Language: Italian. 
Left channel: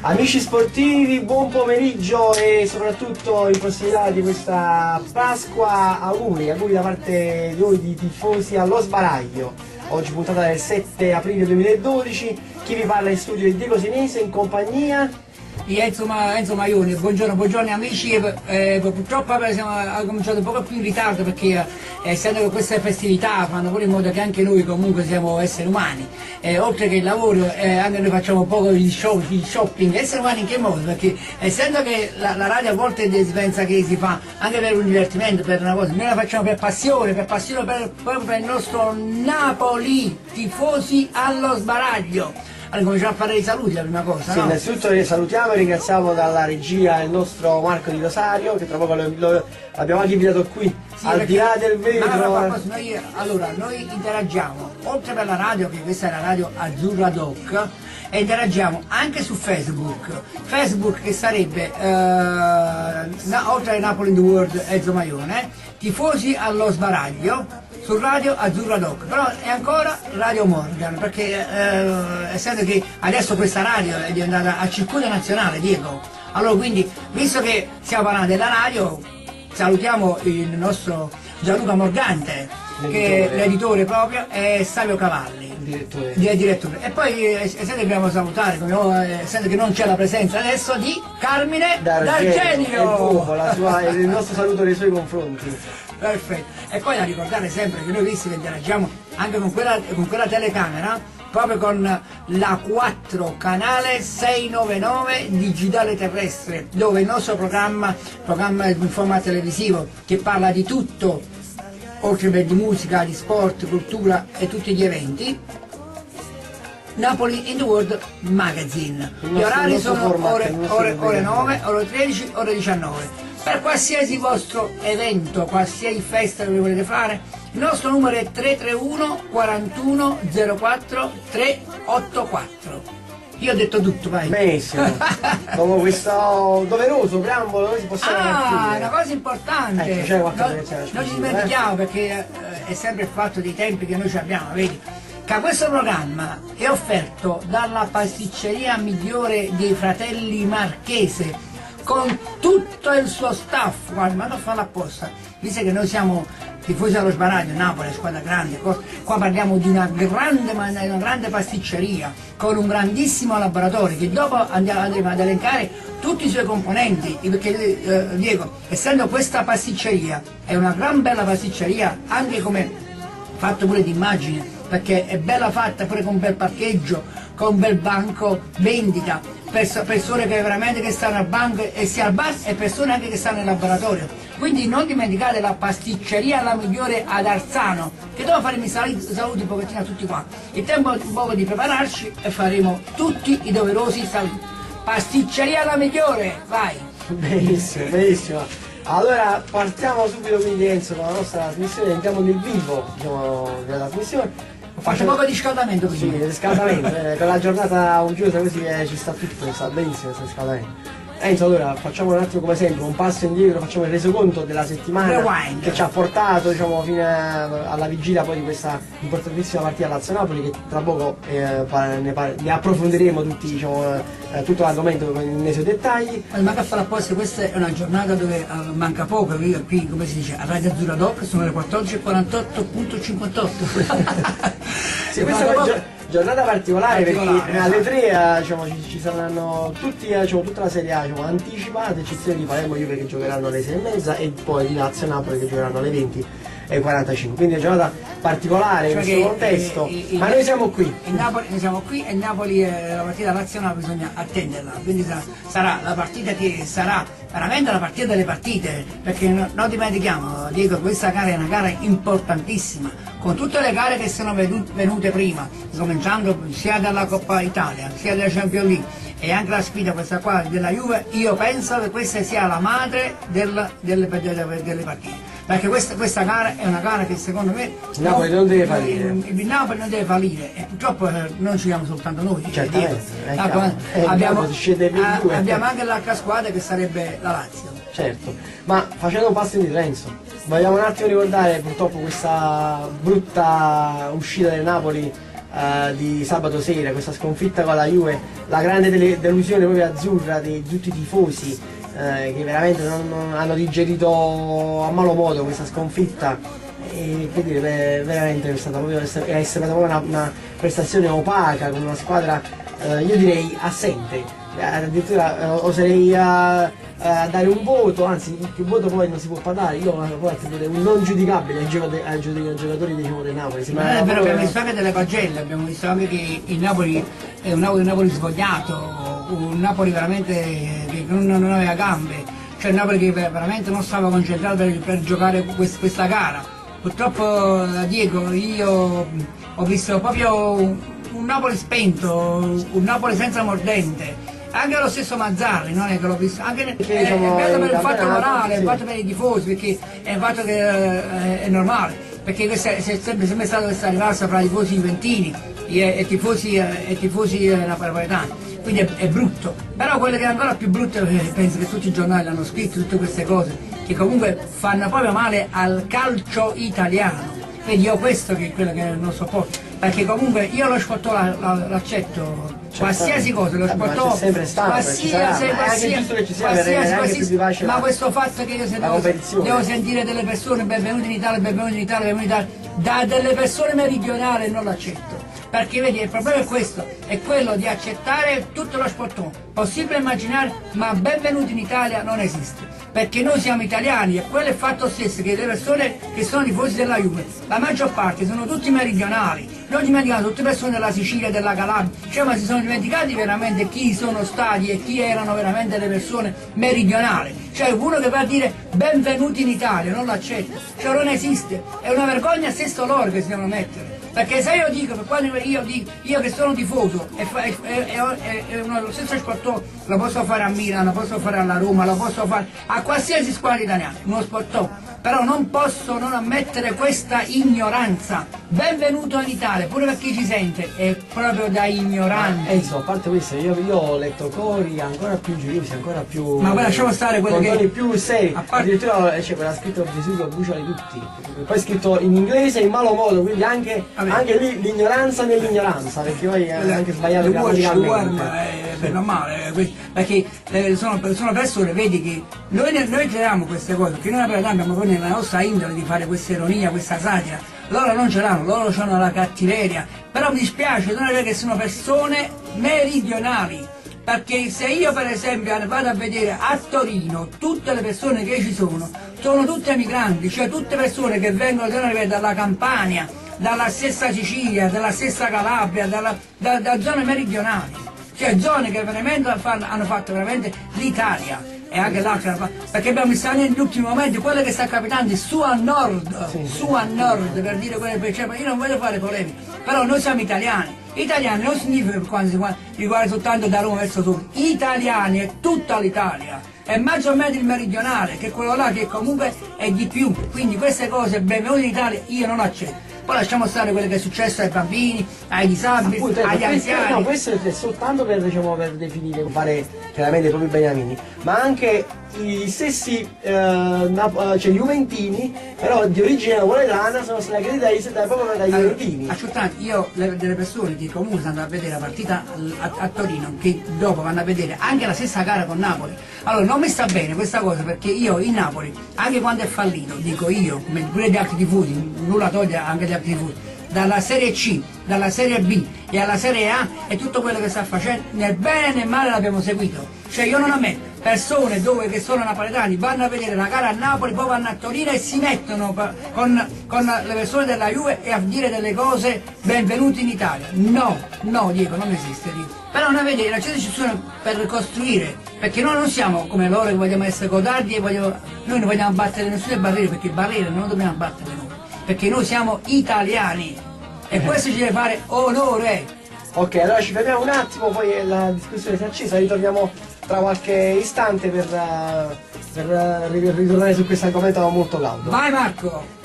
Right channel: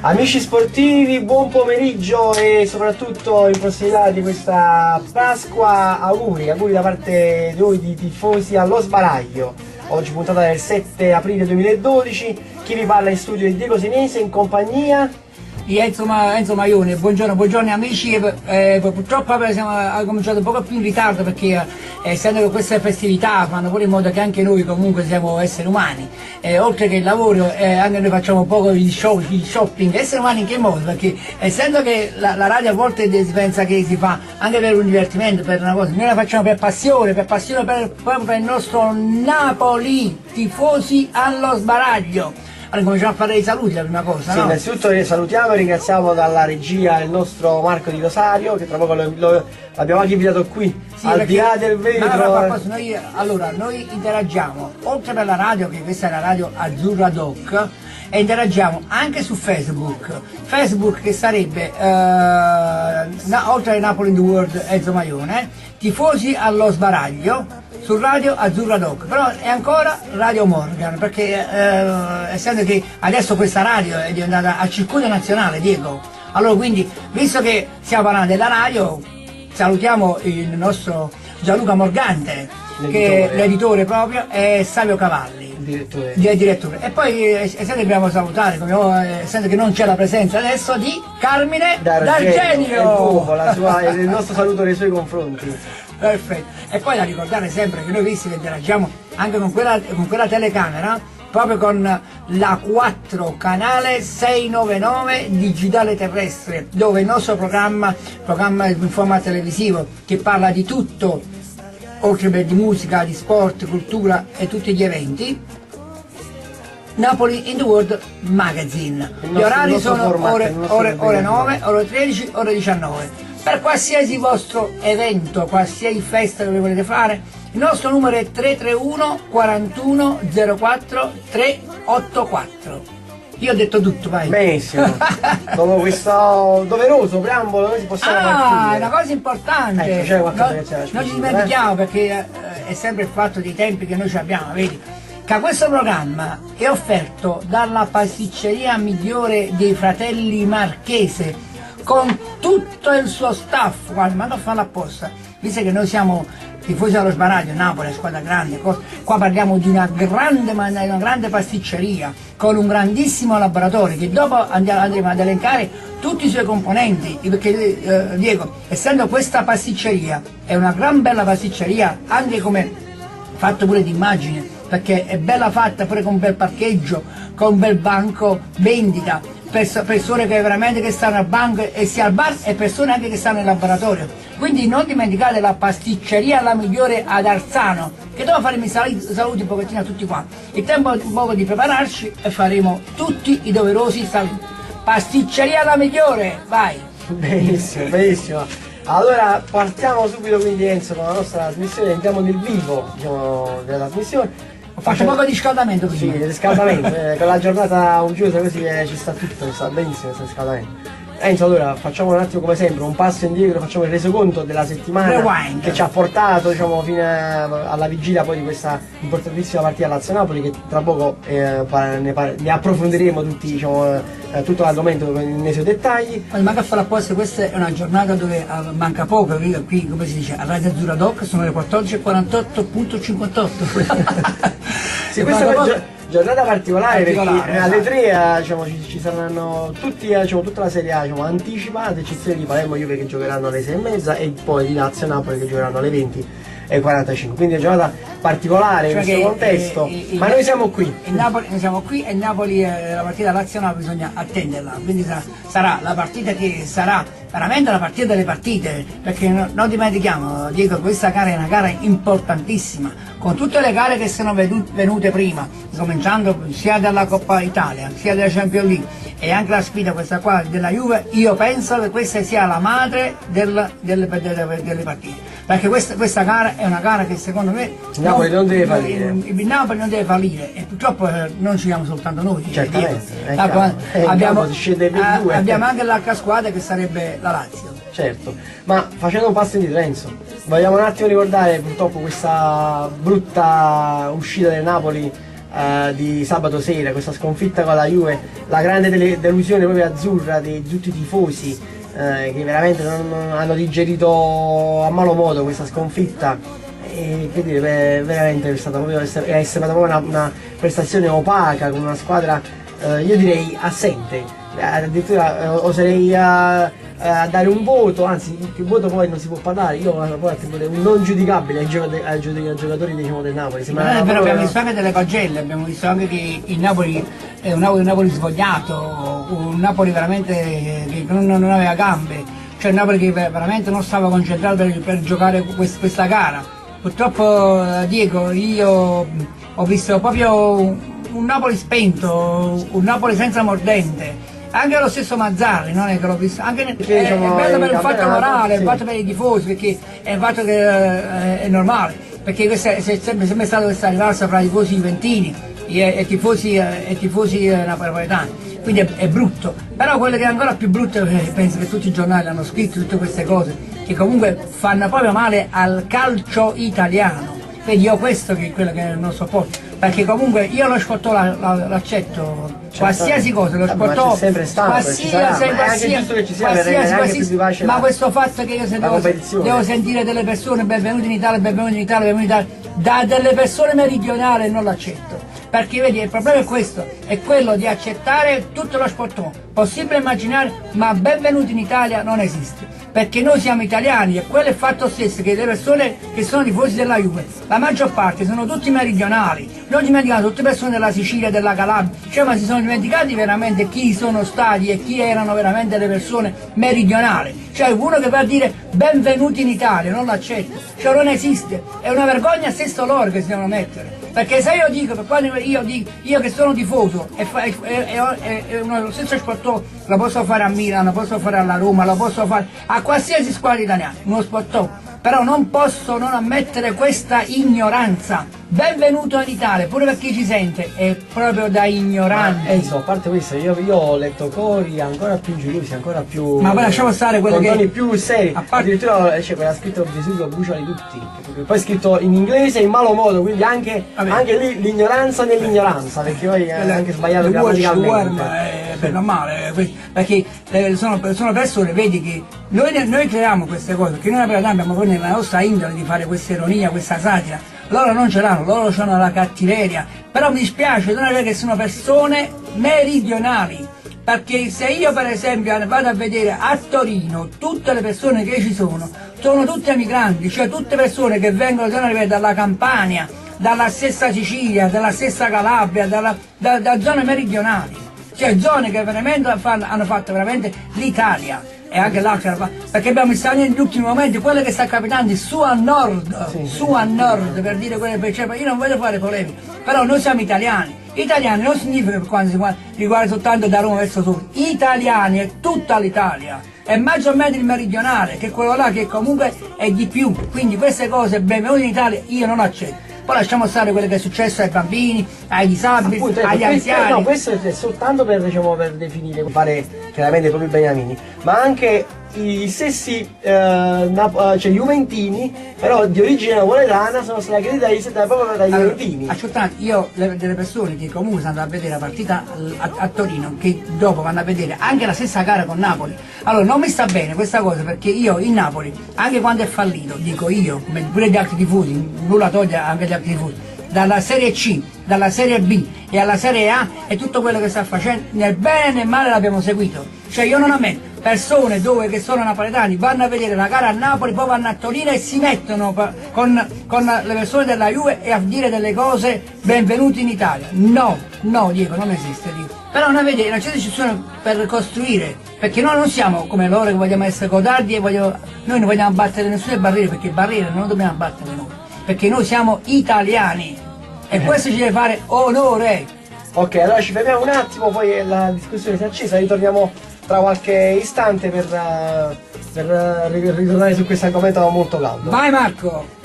Amici sportivi, buon pomeriggio e soprattutto in prossimità di questa Pasqua auguri da parte di noi di tifosi allo sbaraglio. Oggi puntata del 7 aprile 2012, chi vi parla in studio è Diego Senese in compagnia di Enzo Maione. Buongiorno amici, purtroppo abbiamo cominciato un po' più in ritardo perché essendo che queste festività fanno pure in modo che anche noi comunque siamo esseri umani, oltre che il lavoro anche noi facciamo un po' di shopping. Esseri umani in che modo? Perché essendo che la radio a volte si pensa che si fa anche per un divertimento, per una cosa, noi la facciamo per passione proprio per il nostro Napoli, tifosi allo sbaraglio. Allora cominciamo a fare i saluti la prima cosa, sì, no? Innanzitutto salutiamo e ringraziamo dalla regia il nostro Marco Di Rosario, che tra poco l'abbiamo anche invitato qui, sì, al di là del vetro. Noi interagiamo, oltre per la radio, che questa è la radio Azzurra Doc, e interagiamo anche su Facebook che sarebbe, oltre a Napoli in the World Enzo Maione, tifosi allo sbaraglio, su Radio Azzurra Doc, però è ancora Radio Morgan, perché essendo che adesso questa radio è diventata a circuito nazionale, Diego, allora quindi, visto che stiamo parlando della radio, salutiamo il nostro Gianluca Morgante, che è l'editore proprio, e Savio Cavalli, direttore. E poi essendo che dobbiamo salutare, essendo che non c'è la presenza adesso di Carmine D'Argenio, il nostro saluto nei suoi confronti. Perfetto. E poi da ricordare sempre che noi visti che interagiamo anche con quella telecamera, proprio con la 4 canale 699 digitale terrestre, dove il nostro programma in forma televisivo che parla di tutto, oltre che di musica, di sport, cultura e tutti gli eventi, Napoli in the World Magazine. Gli orari sono ore 9, ore 13, ore 19. Per qualsiasi vostro evento, qualsiasi festa che volete fare, il nostro numero è 331 41 04 384. Io ho detto tutto, vai. Benissimo. Dopo questo doveroso preambolo noi possiamo partire. Una cosa importante. C'è qualcosa che c'è. Non ci dimentichiamo perché è sempre il fatto dei tempi che noi abbiamo, vedi? Che questo programma è offerto dalla pasticceria migliore dei fratelli Marchese, con tutto il suo staff. Guarda, ma non farlo apposta, visto che noi siamo tifosi allo sbaraglio, Napoli, squadra grande, qua parliamo di una grande pasticceria con un grandissimo laboratorio che dopo andremo ad elencare tutti i suoi componenti, perché Diego, essendo questa pasticceria è una gran bella pasticceria, anche come fatto pure di immagine, perché è bella fatta pure con un bel parcheggio, con un bel banco vendita, persone che veramente che stanno al banco e sia al bar, e persone anche che stanno in laboratorio. Quindi non dimenticate la pasticceria la migliore ad Arzano, che dopo faremo i saluti un pochettino a tutti qua. Il tempo è un po' di prepararci e faremo tutti i doverosi saluti. Pasticceria la migliore, vai! Benissimo. Allora partiamo subito quindi Enzo con la nostra trasmissione, entriamo nel vivo della trasmissione. Faccio un po' di riscaldamento prima. Sì, riscaldamento, con la giornata uggiosa così ci sta tutto, sta benissimo questo riscaldamento. Enzo, allora facciamo un attimo come sempre un passo indietro, facciamo il resoconto della settimana che ci ha portato fino alla vigilia poi di questa importantissima partita Lazio-Napoli, che tra poco ne approfondiremo tutti, tutto l'argomento nei suoi dettagli. Ma manca a fare apposta, questa è una giornata dove manca poco, qui come si dice, a Radio Azzurra Doc sono le 14:48.58. Sì, questa è una giornata particolare perché alle 3 ci saranno tutti, tutta la Serie A anticipa, ad eccezione di Palermo e Juve che giocheranno alle 6:30 e poi di Lazio e Napoli che giocheranno alle 20:45. Quindi è una giornata particolare in questo contesto, ma noi siamo qui. Noi siamo qui e Napoli, la partita Lazio-Napoli bisogna attenderla, quindi sarà la partita che sarà veramente la partita delle partite, perché non dimentichiamo, Diego, questa gara è una gara importantissima, con tutte le gare che sono venute prima, cominciando sia dalla Coppa Italia, sia della Champions League e anche la sfida questa qua della Juve. Io penso che questa sia la madre delle partite, perché questa gara è una gara che secondo me il Napoli non deve fallire. Il Napoli non deve fallire, e purtroppo non ci siamo soltanto noi. Abbiamo anche l'altra squadra che sarebbe la Lazio. Certo, ma facendo un passo indietro Enzo, vogliamo un attimo ricordare purtroppo questa brutta uscita del Napoli di sabato sera, questa sconfitta con la Juve, la grande delusione proprio azzurra di tutti i tifosi che veramente non hanno digerito a malo modo questa sconfitta. E che dire, veramente è stata proprio una prestazione opaca con una squadra io direi assente, addirittura oserei a dare un voto, anzi più voto poi non si può parlare, io poi attribuirei un non giudicabile ai giocatori diciamo, del Napoli. Però abbiamo visto anche delle pagelle, abbiamo visto anche che il Napoli è un Napoli svogliato, un Napoli veramente che non aveva gambe, cioè un Napoli che veramente non stava concentrato per giocare questa gara. Purtroppo Diego, io ho visto proprio un Napoli spento, un Napoli senza mordente. Anche lo stesso Mazzarri, non è che l'ho visto, anche è bello per il fatto morale, è fatto per i tifosi, perché è un fatto che è normale, perché questa è sempre stata questa rivalsa fra i tifosi juventini e tifosi napoletani, quindi è brutto. Però quello che è ancora più brutto, penso che tutti i giornali hanno scritto tutte queste cose, che comunque fanno proprio male al calcio italiano. Vedi, io questo che è quello che non sopporto, perché comunque io lo sportò l'accetto, qualsiasi cosa, lo sportò, qualsiasi, ma questo fatto che io se devo sentire delle persone benvenute in Italia, benvenute in Italia, benvenute in Italia, da delle persone meridionali non l'accetto. Perché vedi, il problema è questo, è quello di accettare tutto lo sportone, possibile immaginare, ma benvenuti in Italia non esiste, perché noi siamo italiani e quello è il fatto stesso che le persone che sono tifosi della Juve, la maggior parte sono tutti meridionali, non dimenticate tutte persone della Sicilia, della Calabria, cioè ma si sono dimenticati veramente chi sono stati e chi erano veramente le persone meridionali, cioè uno che va a dire benvenuti in Italia, non l'accetto, cioè non esiste, è una vergogna stesso loro che si devono mettere. Perché se io dico, quando io che sono tifoso e lo stesso sportone lo posso fare a Milano, lo posso fare alla Roma, lo posso fare a qualsiasi squadra italiana, uno sportone, però non posso non ammettere questa ignoranza. Benvenuto in Italia, pure per chi ci sente, è proprio da ignoranti. Insomma, a parte questo, io ho letto cori ancora più ingiuriosi, ancora più. Ma poi lasciamo stare quello che. Più seri. Addirittura c'è quella scritto Gesù che bruciali tutti. Poi è scritto in inglese in malo modo, quindi anche lì l'ignoranza nell'ignoranza, perché poi è anche sbagliato grammaticalmente. È normale, perché sono persone, vedi che noi creiamo queste cose, perché noi abbiamo poi nella nostra indole di fare questa ironia, questa satira, loro non ce l'hanno, loro hanno la cattiveria, però mi dispiace non è che sono persone meridionali, perché se io per esempio vado a vedere a Torino tutte le persone che ci sono tutte migranti, cioè tutte persone che vengono dalla Campania, dalla stessa Sicilia, dalla stessa Calabria, da zone meridionali, cioè zone che veramente hanno fatto veramente l'Italia. E anche l'altra, perché abbiamo visto negli ultimi momenti quello che sta capitando su a nord, su a nord, per dire quello che c'è. Io non voglio fare polemiche, però noi siamo italiani. Italiani non significa quando si riguarda soltanto da Roma verso sud, italiani è tutta l'Italia, è maggiormente il meridionale, che è quello là che comunque è di più, quindi queste cose benvenute in Italia io non accetto. Poi lasciamo stare quello che è successo ai bambini, ai disabili, appunto, agli anziani. No, questo è soltanto per definire, fare chiaramente i propri beniamini, ma anche i stessi cioè juventini, però di origine napoletana, sono stati accreditati proprio dai juventini. Ascoltate, io delle persone che comunque stanno a vedere la partita a Torino, che dopo vanno a vedere anche la stessa gara con Napoli, allora non mi sta bene questa cosa, perché io in Napoli, anche quando è fallito, dico io, pure gli altri tifosi, nulla toglie anche gli altri tifosi, dalla Serie C, dalla Serie B e alla Serie A e tutto quello che sta facendo, nel bene e nel male l'abbiamo seguito. Cioè io non ammetto persone che sono napoletani vanno a vedere la gara a Napoli, poi vanno a Torino e si mettono con le persone della Juve e a dire delle cose benvenuti in Italia. No, Diego, non esiste lì. Però noi vediamo, non c'è decisione per costruire, perché noi non siamo come loro che vogliamo essere codardi e noi non vogliamo battere nessune barriere, perché barriere non dobbiamo battere noi, perché noi siamo italiani e questo ci deve fare onore. Ok, allora ci fermiamo un attimo, poi la discussione si è accesa, ritorniamo tra qualche istante per ritornare su questo argomento molto caldo. Vai Marco!